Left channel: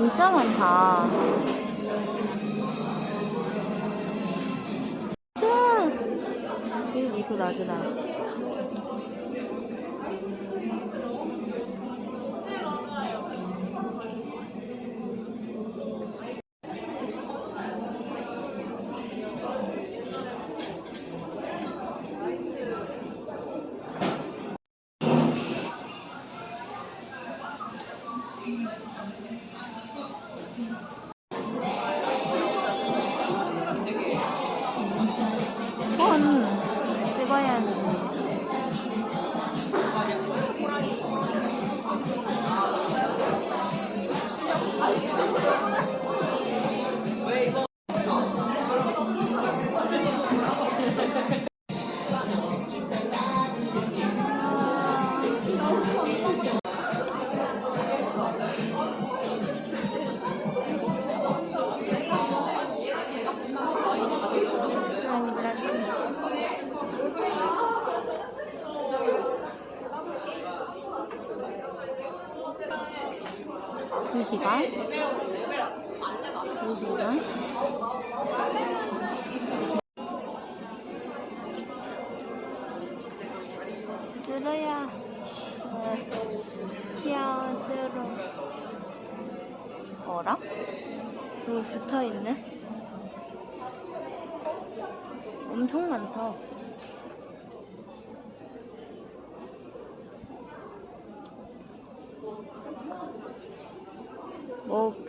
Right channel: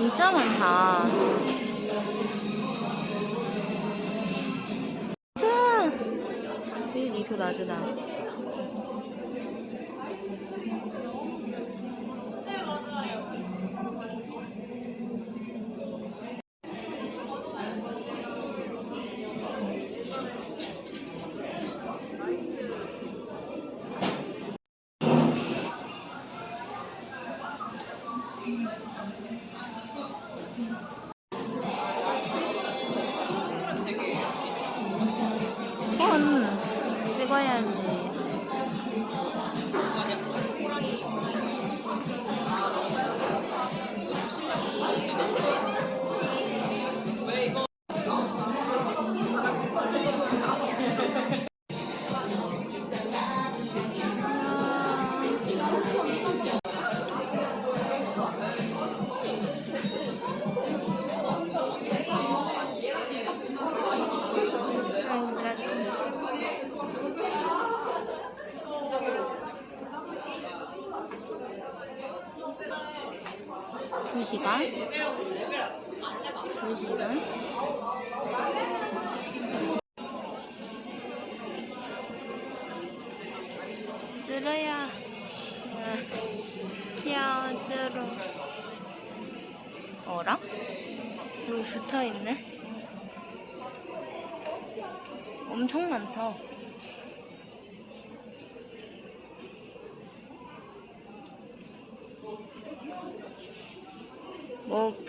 와 진짜 많다. 자, 여기 니도 나주나. 2시간 2시간 들어야 스티어 들어. 어랑? 여기 붙어있네. 엄청 많다.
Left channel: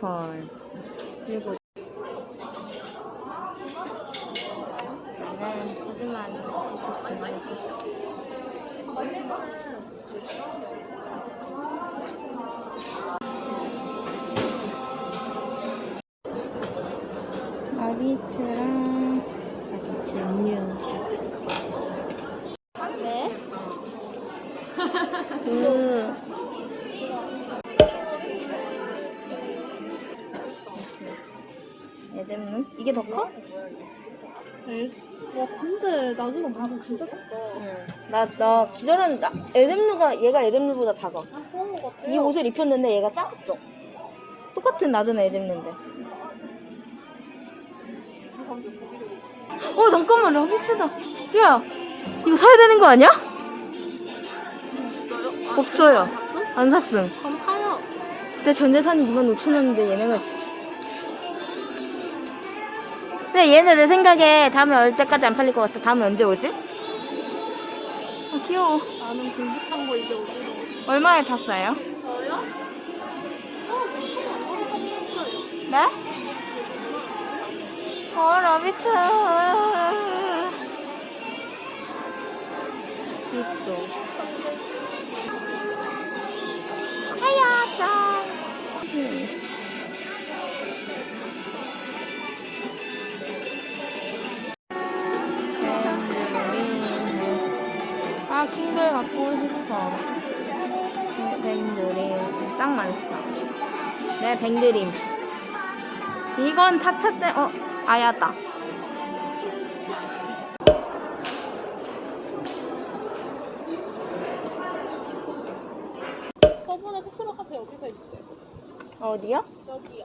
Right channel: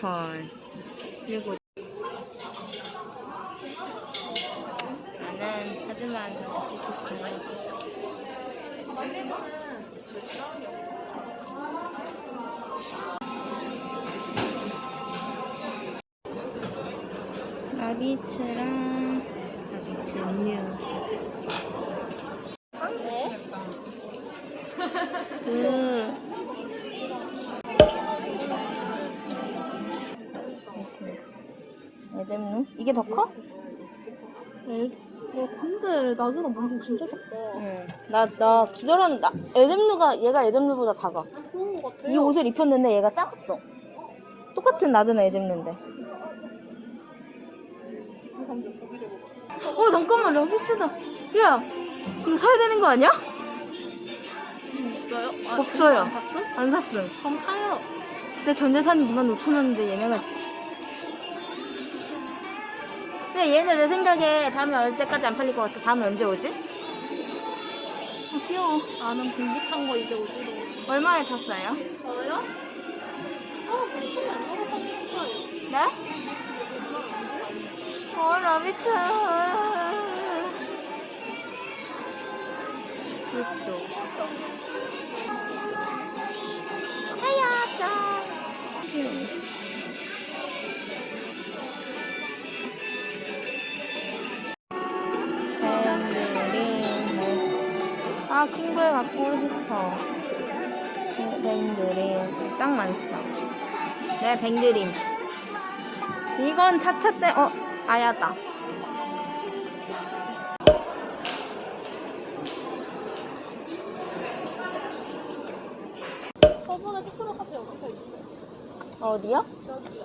오펄 그리고 나는 이게 더 커? 와 근데 나중에 방금 진짜 덥다. 응. 나, 나 기절한, 나, 에덴루가, 얘가 에덴루보다 작아. 아, 그런 거 같아. 이 옷을 입혔는데 얘가 작았죠? 똑같은 낮은 에덴루인데. 어, 잠깐만, 러비치다. 야, 이거 사야 되는 거 아니야? 있어요? 없어요. 안 샀어? 안 샀음. 그럼 타요. 그때 전재산이 25,000원인데 얘네가 지 근데 얘네 내 생각에 다음에 올 때까지 안 팔릴 것 같아. 다음에 언제 오지? 아, 귀여워. 나는 공부한 거 이제 어디로? 얼마에 탔어요? 저요? 어, 안. 네? 어. 예뻐. 하야짱. 아, 갖고 싶어. 뱅드림. 짱 많다. 내가 뱅드림. 이건 차차 때, 어, 아야다. 저번에 초콜릿 카페 여기서 있는데. 어디요? 여기요.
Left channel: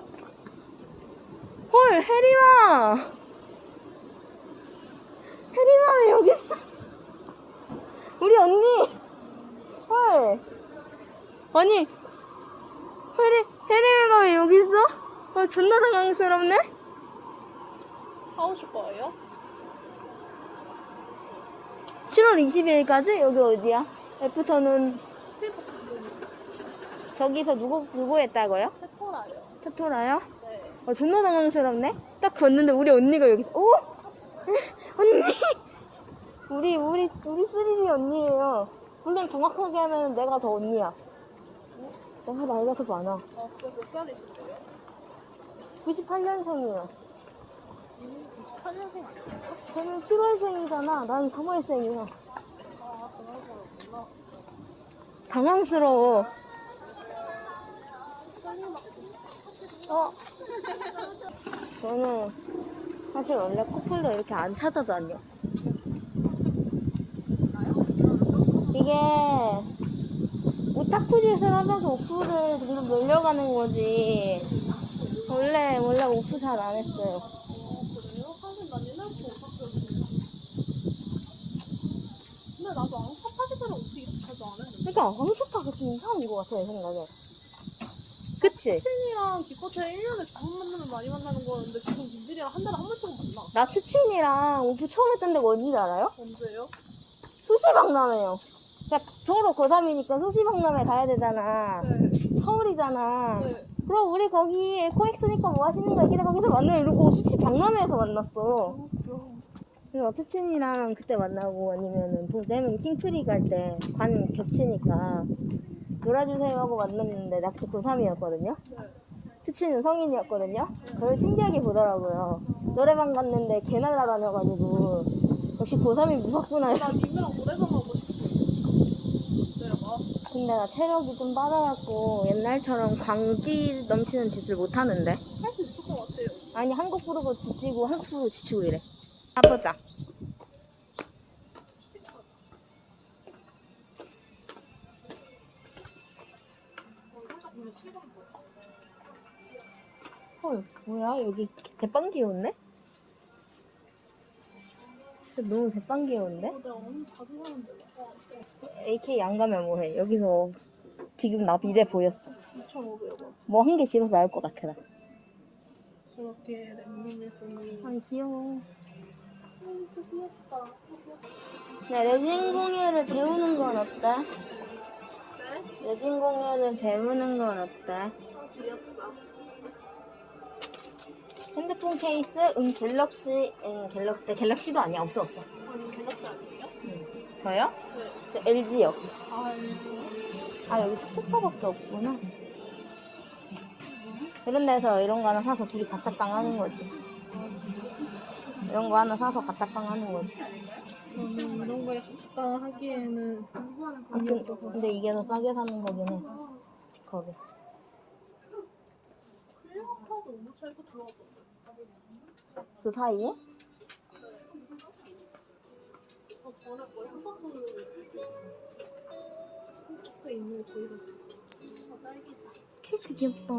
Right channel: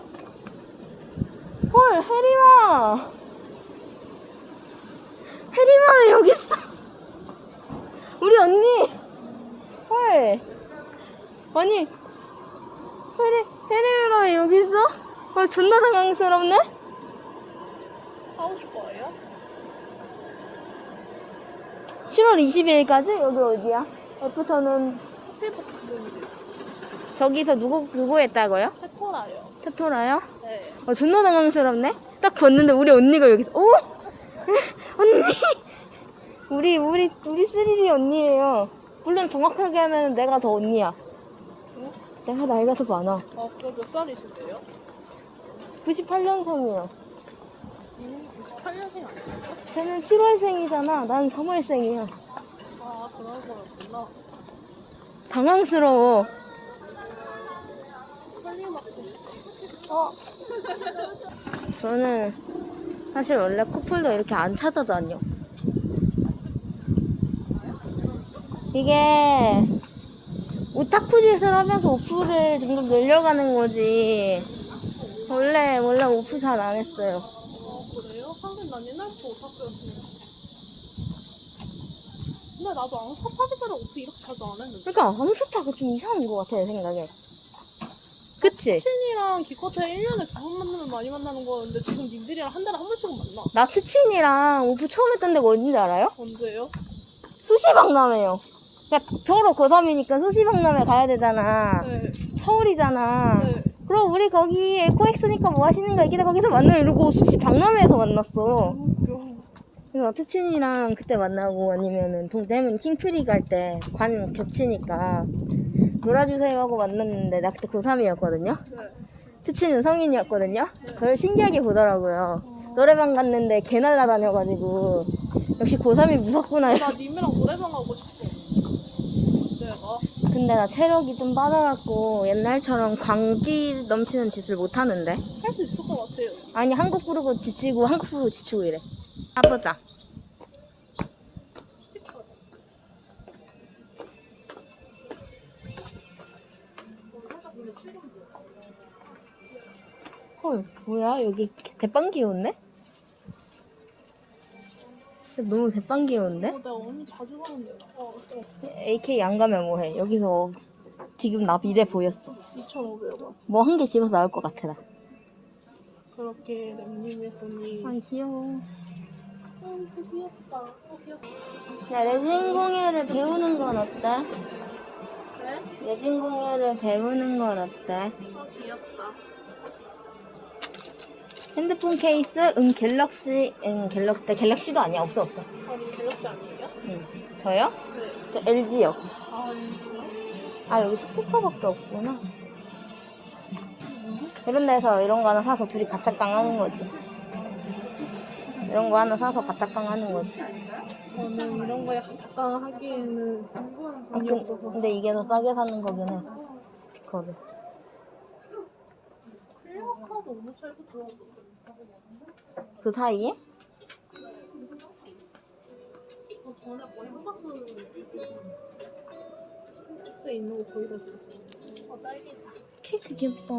헐, 해리마! 해리마 왜 여기 있어? 우리 언니! 헐! 아니, 해리, 해리마가 왜 여기 있어? 아, 존나 당황스럽네? 사오실 거예요? 7월 22일까지? 여기 어디야? 애프터는 저기서 누구, 누구 했다고요? 페퍼라요. 토토라요? 네. 어, 존나 당황스럽네? 딱 봤는데 우리 언니가 여기서, 오! 언니! 우리, 우리, 우리 쓰리리 언니예요. 물론 정확하게 하면 내가 더 언니야. 어? 내가 나이가 더 많아. 아, 그래 몇 살이신데요? 98년생이야. 이미 98년생 아니었어? 걔는 7월생이잖아. 난 3월생이야. 아, 그런 거였구나. 당황스러워. 어? 저는 사실 원래 코폴더 이렇게 안 찾아다녀. 이게 오타쿠 짓을 하면서 오프를 점점 늘려가는 거지. 원래, 원래 오프 잘 안 했어요. 아 그래요? 하긴 난 옛날부터 오타쿠였어. 근데 나도 아무 사파지사랑 오프 이렇게 자주 안 했는데. 그러니까 함수타가 좀 이상한 것 같아, 내 생각에. 그치? 친이랑 기껏해 1년에 두 번 만나면 많이 만나는 거였는데 지금 님들이랑 한 달에 한 번씩은 만나. 나 트친이랑 오프 처음 했던 데가 어딘지 알아요? 언제요? 수시 박람회요. 그러니까 서로 고3이니까 수시박람회 가야 되잖아. 네. 서울이잖아. 네. 그럼 우리 거기 에코엑스니까 뭐 하시는 거 얘기해 거기서 만나 이러고 수시박람회에서 만났어. 귀여워. 그래서 트친이랑 그때 만나고 아니면은 동대문 킹프리 갈 때 관 겹치니까 놀아주세요 하고 만났는데 나 그때 고3이었거든요. 네. 트친은 성인이었거든요. 그걸 신기하게 보더라고요. 노래방 갔는데 개 날라다녀가지고 역시 고3이 무섭구나. 나 님이랑 노래방. 근데 나 체력이 좀 빠져갖고 옛날처럼 광기 넘치는 짓을 못하는데. 할 수 있을 것 같아요. 아니 한국 부르고 지치고 한국 부르고 지치고 이래. 가보자. 헐 뭐야 여기 대빵 귀여 진짜 너무 대빵 귀여운데? 어, 내가 언니 자주 가는 데다. 어, AK 안 가면 뭐해 여기서 지금 나 미래 보였어 2,500원. 뭐 한 개 집어서 나올 것 같아 나 그렇게 랭님의 돈이. 아이 귀여워 어, 귀엽다. 어, 귀엽다. 나 레진 공예를 배우는 건 어때? 네? 레진 공예를 배우는 건 어때? 아, 귀엽다. 핸드폰 케이스 응 갤럭시 응 갤럭시 네, 갤럭시도 아니야 없어 없어 아니, 갤럭시 아니에요? 응 저요? 네. 저 LG요 아. 아 여기 스티커밖에 없구나 이런 데서 이런 거 하나 사서 둘이 가짜깡 하는 거지 이런 거 하나 사서 가짜깡 하는 거지 저는 이런 거 약간 잠깐 하기에는 아, 돈이 근- 없어서. 근데 이게 더 싸게 사는 거긴 해 스티커를 그 사이에? 저 전에 거의 한 박스 홈피스에 있는 거 거의 다 줬어. 아, 딸기다. 케이크 귀엽다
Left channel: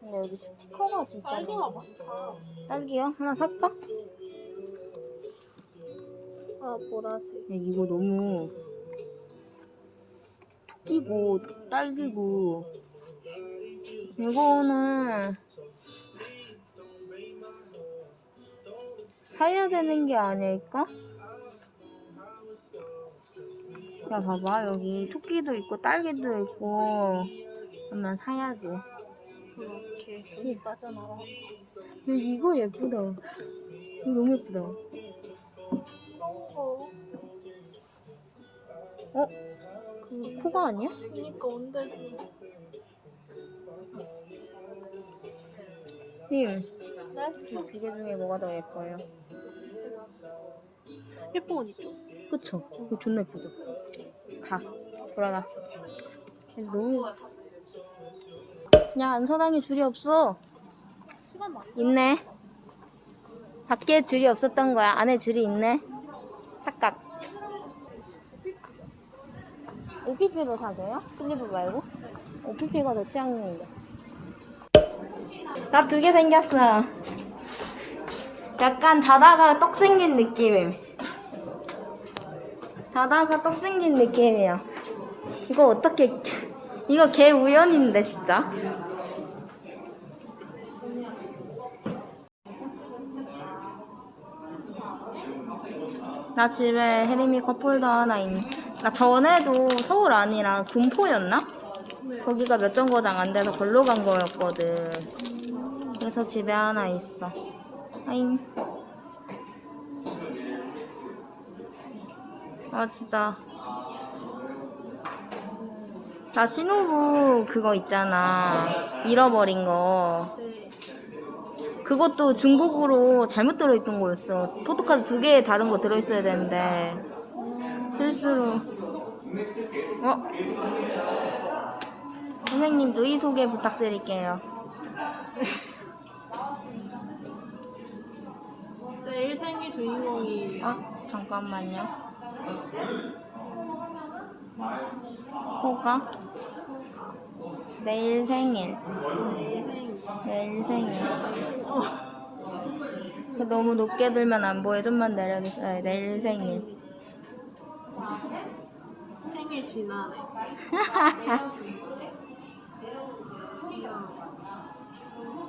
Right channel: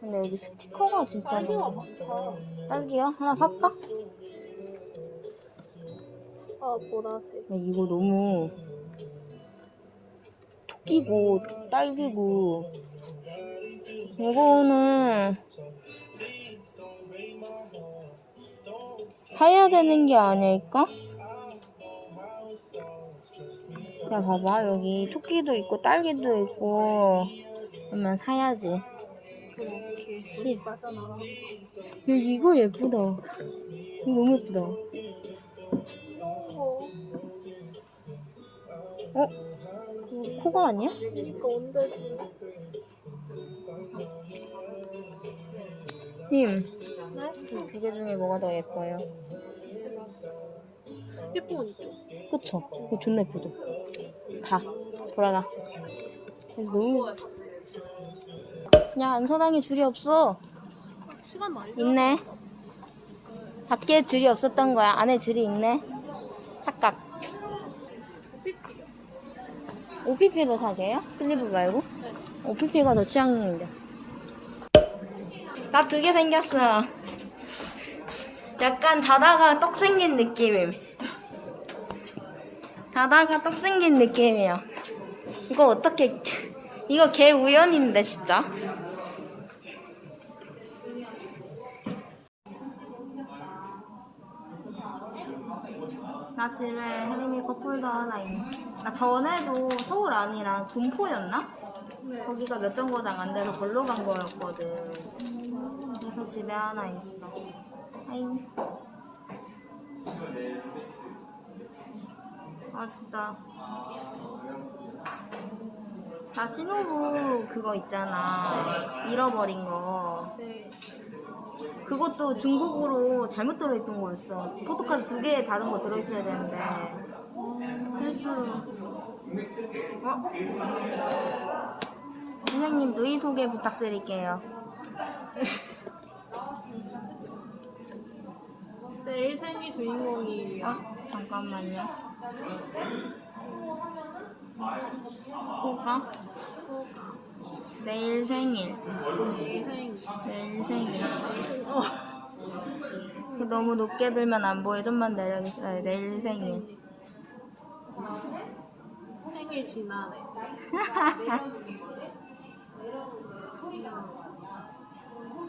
근데 여기 스티커가 진짜 딸기가 많아. 많다. 딸기야? 하나 살까? 아, 보라색. 야, 이거 너무 토끼고 딸기고 이거는 사야 되는 게 아닐까? 야 봐봐 여기 토끼도 있고 딸기도 있고 그러면 사야지 야 씨. 돈이 빠져나가. 이거 예쁘다 이거 너무 예쁘다. 어? 그 코가 아니야? 그러니까 언제 님 네? 두 개 중에 뭐가 더 예뻐요? 예쁜 건 있죠. 그쵸? 이거 존나 예쁘죠? 가. 돌아가. 너무. 그냥 안서당에 줄이 없어. 시간 많이 있네. 밖에 줄이 없었던 거야. 안에 줄이 있네. 착각. OPP로 사게요? 슬리브 말고? OPP가 더 취향인데. 나 두 개 생겼어. 약간 자다가 떡 생긴 느낌. 자다가 떡 생긴 느낌이야. 이거 어떻게, 이거 개 우연인데, 진짜. 나 집에 해리미 컵홀더 하나 있. 나 전에도 서울 아니라 군포였나? 거기가 몇 정거장 안 돼서 걸로 간 거였거든. 그래서 집에 하나 있어. 아잉. 아 진짜. 나 신혼부 그거 있잖아. 잃어버린 거. 그것도 중국으로 잘못 들어있던 거였어. 포토카드 두 개 다른 거 들어있어야 되는데 실수로. 어? 선생님 누이 소개 부탁드릴게요. 주인공이 어? 잠깐만요. 호가? 내일 생일. 생. 내일 생일. 어. 너무 높게 들면 안 보여. 좀만 내려주세요. 내일 생일. 생일 지나네.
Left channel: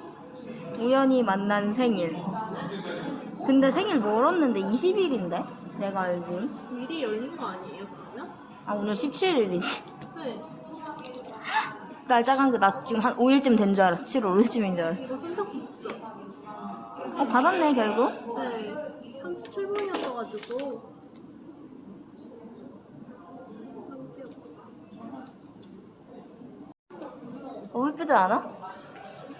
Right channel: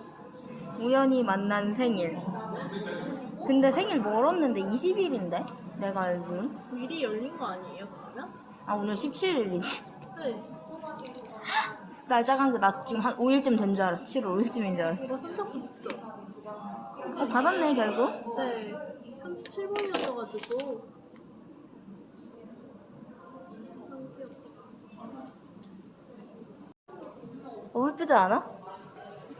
우연히 만난 생일. 근데 생일 멀었는데 20일인데? 내가 알기론. 미리 열린 거 아니에요, 그러면? 아, 오늘 17일이지. 네. 날짜 간게 나 지금 한 5일쯤 된 줄 알았어. 7월 5일쯤인 줄 알았어. 이거 생각도 못했어. 어, 받았네, 결국. 네. 37번이었어가지고. 어, 예쁘지 않아?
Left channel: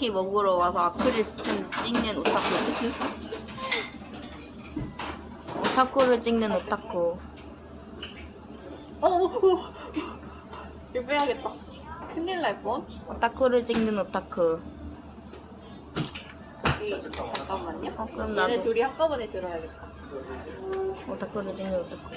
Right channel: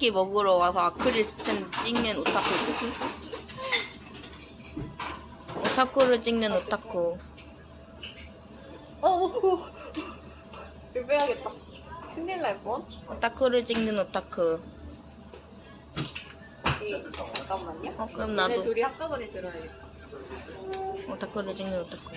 떡볶이 먹으러 와서 아크릴 스탠 찍는 오타쿠. 오타쿠를 찍는 오타쿠. 어, 어, 어. 이거 빼야겠다. 큰일 날 뻔. 오타쿠를 찍는 오타쿠. 잠깐만요. 어, 그럼 나도 둘이 한꺼번에 들어야겠다. 오타쿠를 찍는 오타쿠.